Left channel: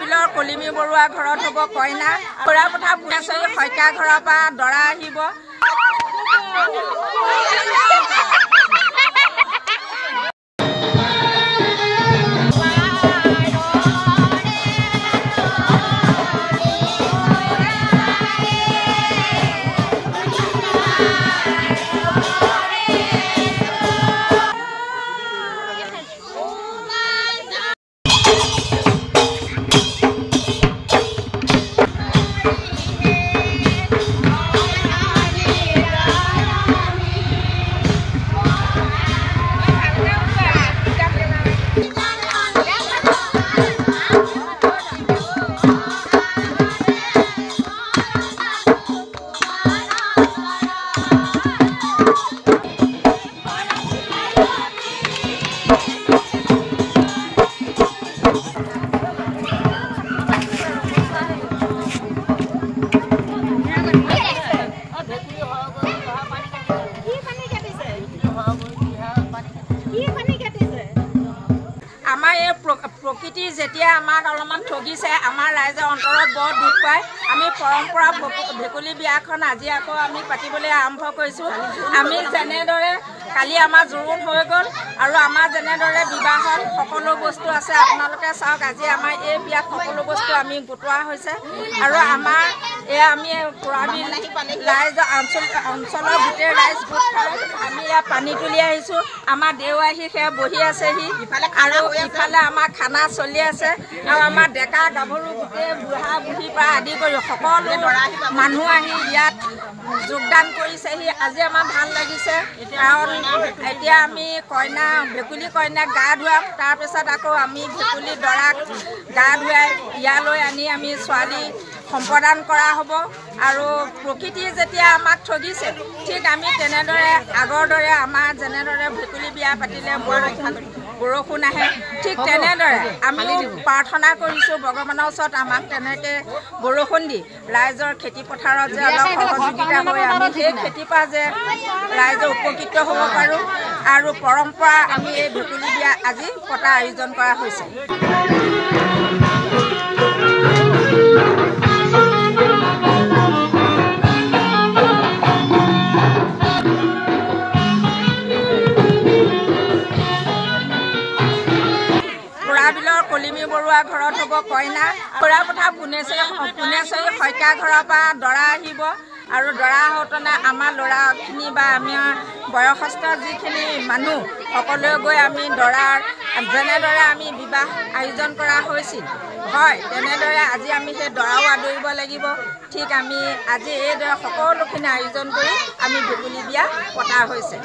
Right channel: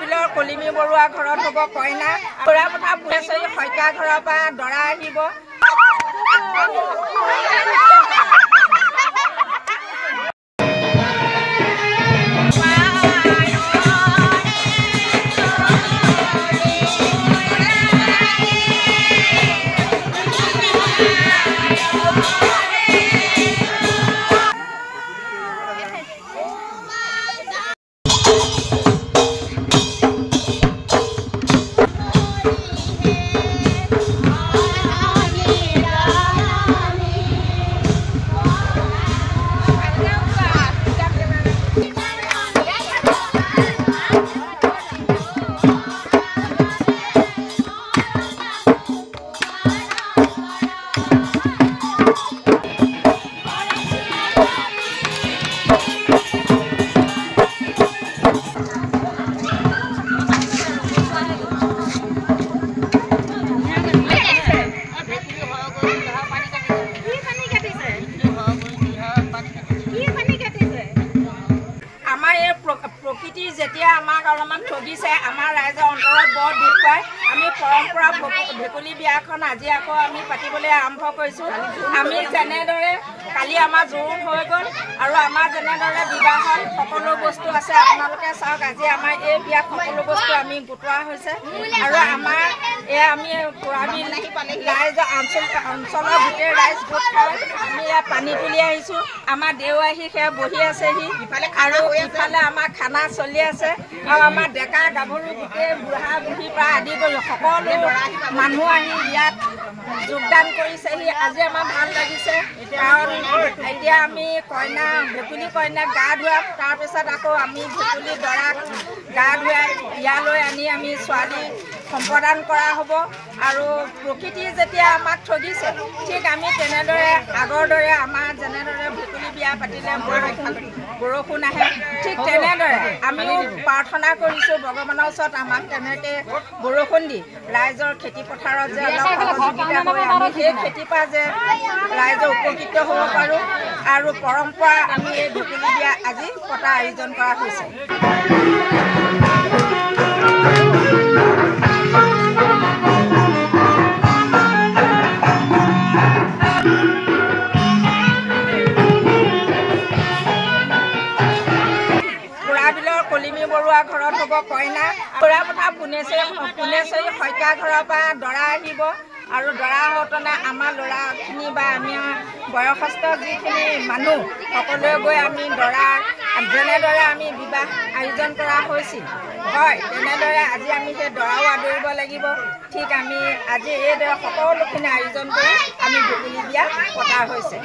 বিলৰ কলিমী বৰুৱা ঘৰত হ'ব কইনা। পুৰাপথাৰ পুনেশ্বৰী শইকীয়া ঘৰৰ পৰা দৰা আহিব। প্ৰকৃতি যেতিয়া আমাক অলপমান ঠগিছে, আমাৰ ৰাইজৰ অন্তৰত বৰ দুখ পায়। আমি পৰম্পৰা ভেকুলী বিয়াখন আজি আকৌ আমি পাতিবলৈ আৰম্ভ কৰিছোঁ। আমি যেনেদৰে কালি আমাৰ জোৰোণ হৈ গ'ল আৰু আমাৰ যেনেদৰে বিবাহত সকলো বস্তু আছে, আপোনালোকে চাওক আজি আমাৰ এই বিয়াত সকলো বস্তু আমি গোটোৱা হৈছে। আৰু আমাৰ আমি পুৰাবিল ৰাইজৰ অঞ্চলৰ গোটেই ৰাইজ গোট খাই আমি ইয়াত পানী তুলি আহিছোঁ। আমাৰ দেও আহি সেয়া বহি আছেহি আৰু ইফালে আমাৰ খানা চলি আছে আৰু আমাৰ ডেকা গাভৰু গোটেই বুঢ়া বুঢ়ীৰ পৰা আদি কৰি সকলো মানুহ আহি ইয়াত যোগদান কৰিছেহি। আজি আমাৰ ভাল লাগিছে, কাৰণ এতিয়া আমি ভেকুলী কইনাক গা ধুৱাম, তাৰপিছত আকৌ আমি ভেকুলী দৰাক গা ধুৱাই ইয়ালৈ আনি আমি ছোৱালী সম্প্ৰদান কৰা হ'ব। আৰু প্ৰকৃতিয়ে যেতিয়া আমাক ঠগিছে, ঠিক আমি তেনেদৰে আগৰ দৰে আমাৰ যেনেদৰে ভেকুলী বিয়া পাতিলে বৰষুণ আহে, ঠিক তেনেদৰে আমিও প্ৰাৰ্থনা কৰিছোঁ ভগৱানৰ ওচৰত আমাক তেনেকৈ বৰষুণ দি ৰাইজৰ খেতি পথাৰত যে অলপ সহযোগিতা হৈ আমি সেই খেতিৰ পৰা যে ৰাইজৰ উপকৃত হ'ব পাৰোঁ। আৰু পৰম্পৰা আমি এই ভেকুলী বিয়া আজি পতা আয়োজন কৰা হৈছে। বিলৰ কলিমী বৰুৱা ঘৰত হ'ব কইনা। পুৰাপথাৰ পুনেশ্বৰী শইকীয়া ঘৰৰ পৰা দৰা আহিব আৰু দৰা হওঁতেনে আমাৰ ল'ৰাখিনি বা আমাৰ বয়সস্থ যিখিনি মানুহ সকলোৱে গৈ আমি দৰাৰ যেনেদৰে আমি বিবাহ আয়োজন কৰা হৈছিল হয়, তেনেদৰে আজি আমি সেই দৰাও আদৰিব লাগিব। ঠিক আমি আজি এইদৰে সকলোখিনি আয়োজন কৰি আমি ভেকুলী বিয়া পতা হৈছে।